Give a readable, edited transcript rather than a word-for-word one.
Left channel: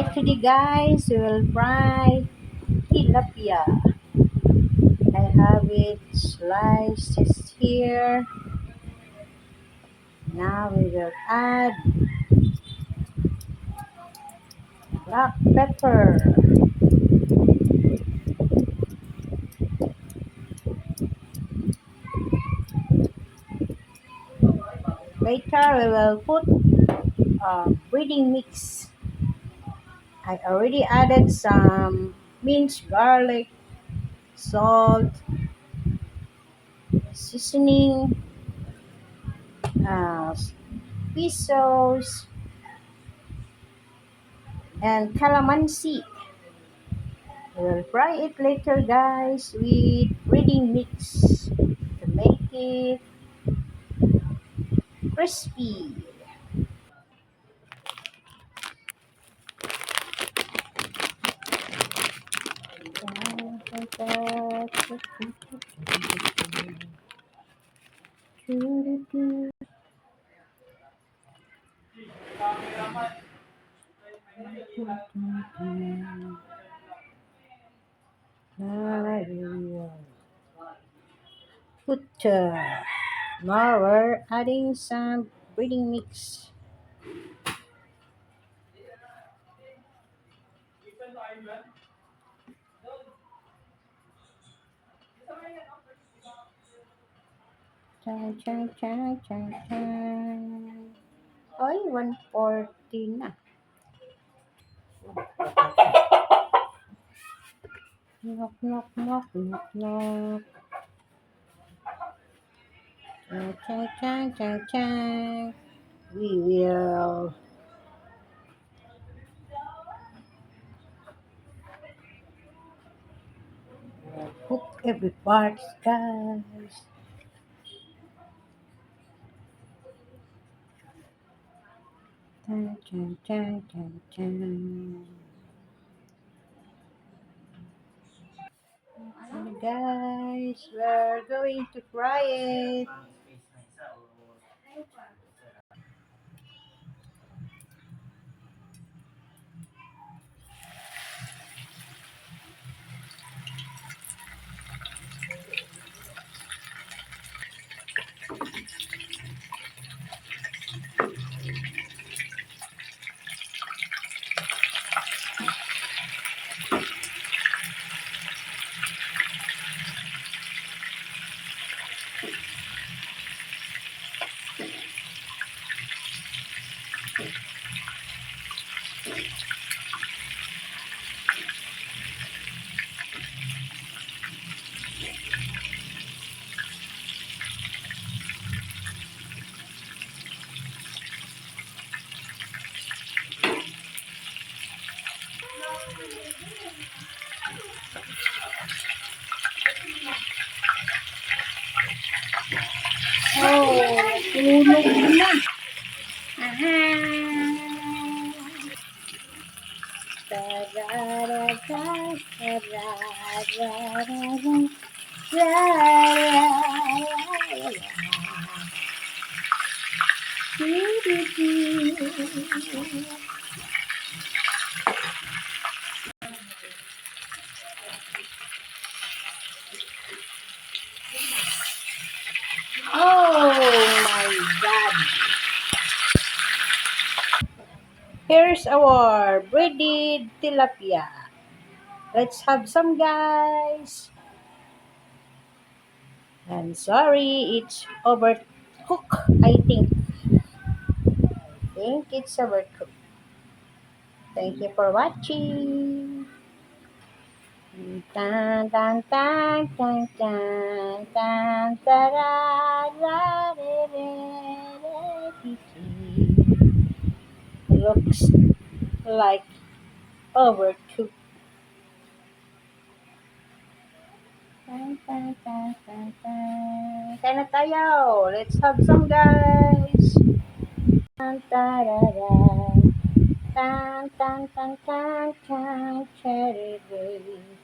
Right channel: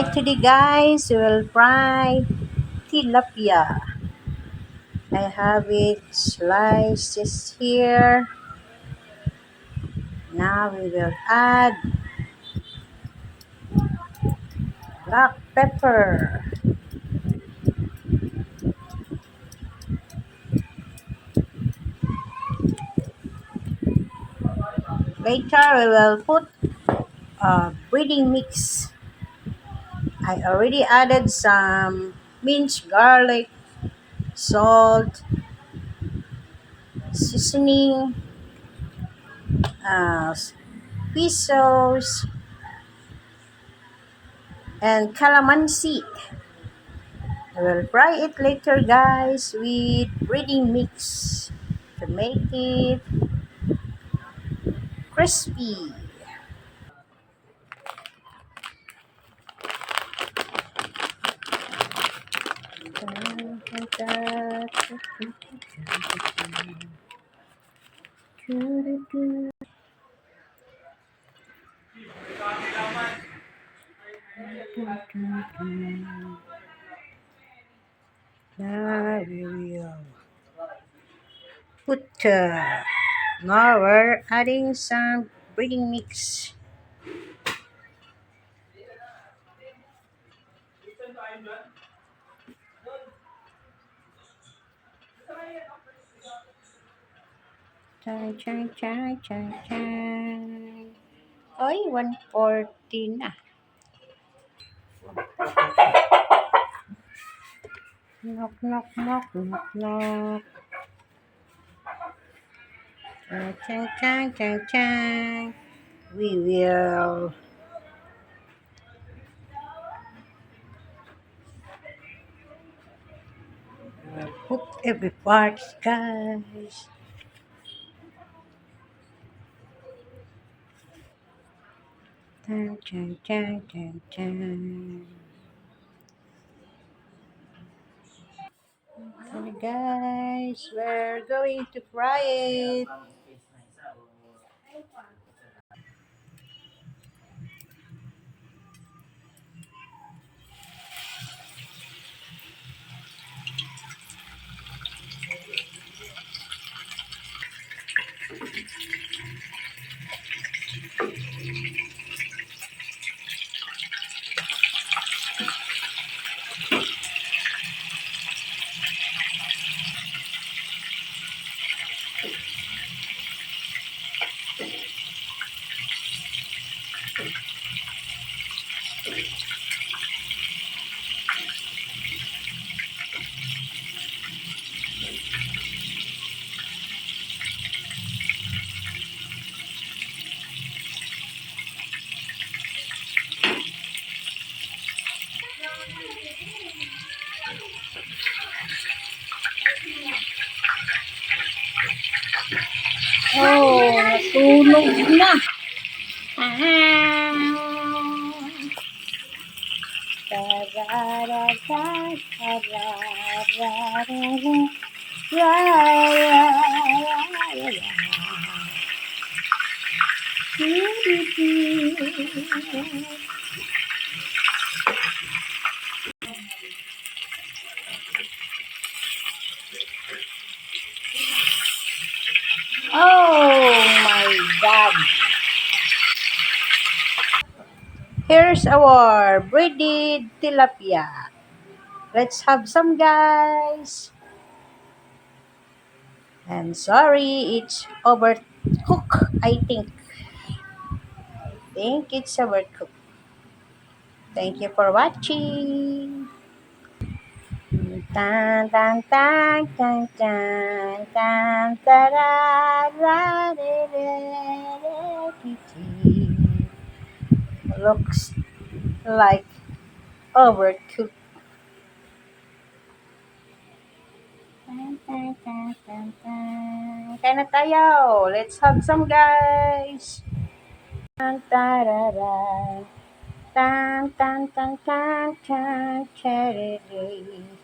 Alright, today guys, we will fry tilapia. I have it slices here. Now we will add black pepper. Later we will put a breading mix. I already added some minced garlic, salt, seasoning, uh, fish sauce, and calamansi. I will fry it later guys with breading mix to make it crispy. Now we will put now we're adding some breading mix. Chan, chan, chan, chan, chan. Oy, 140 na. Knock, knock, knock, knock, knock. Chan, chan, chan, chan, chan. We will put every part, guys. Chan, chan, chan, chan, chan. Okay, guys, we're going to fry it. Oh, nasunog na. Ah. Tararara, tararara, tararara. Oh my God. Here's our breaded tilapia. Let's have some, guys. I'm sorry, it's overcooked, I think. Think it's overcooked. Thank you for watching. Tan tan tan tan tan tan tarara, re, re, re, ti, ti. Looks like overcooked. Tan, tan, tan, tan, tan. Kain na tayo. Let's have some, guys. Tan tarara. Tan tan tan tan tan cherry.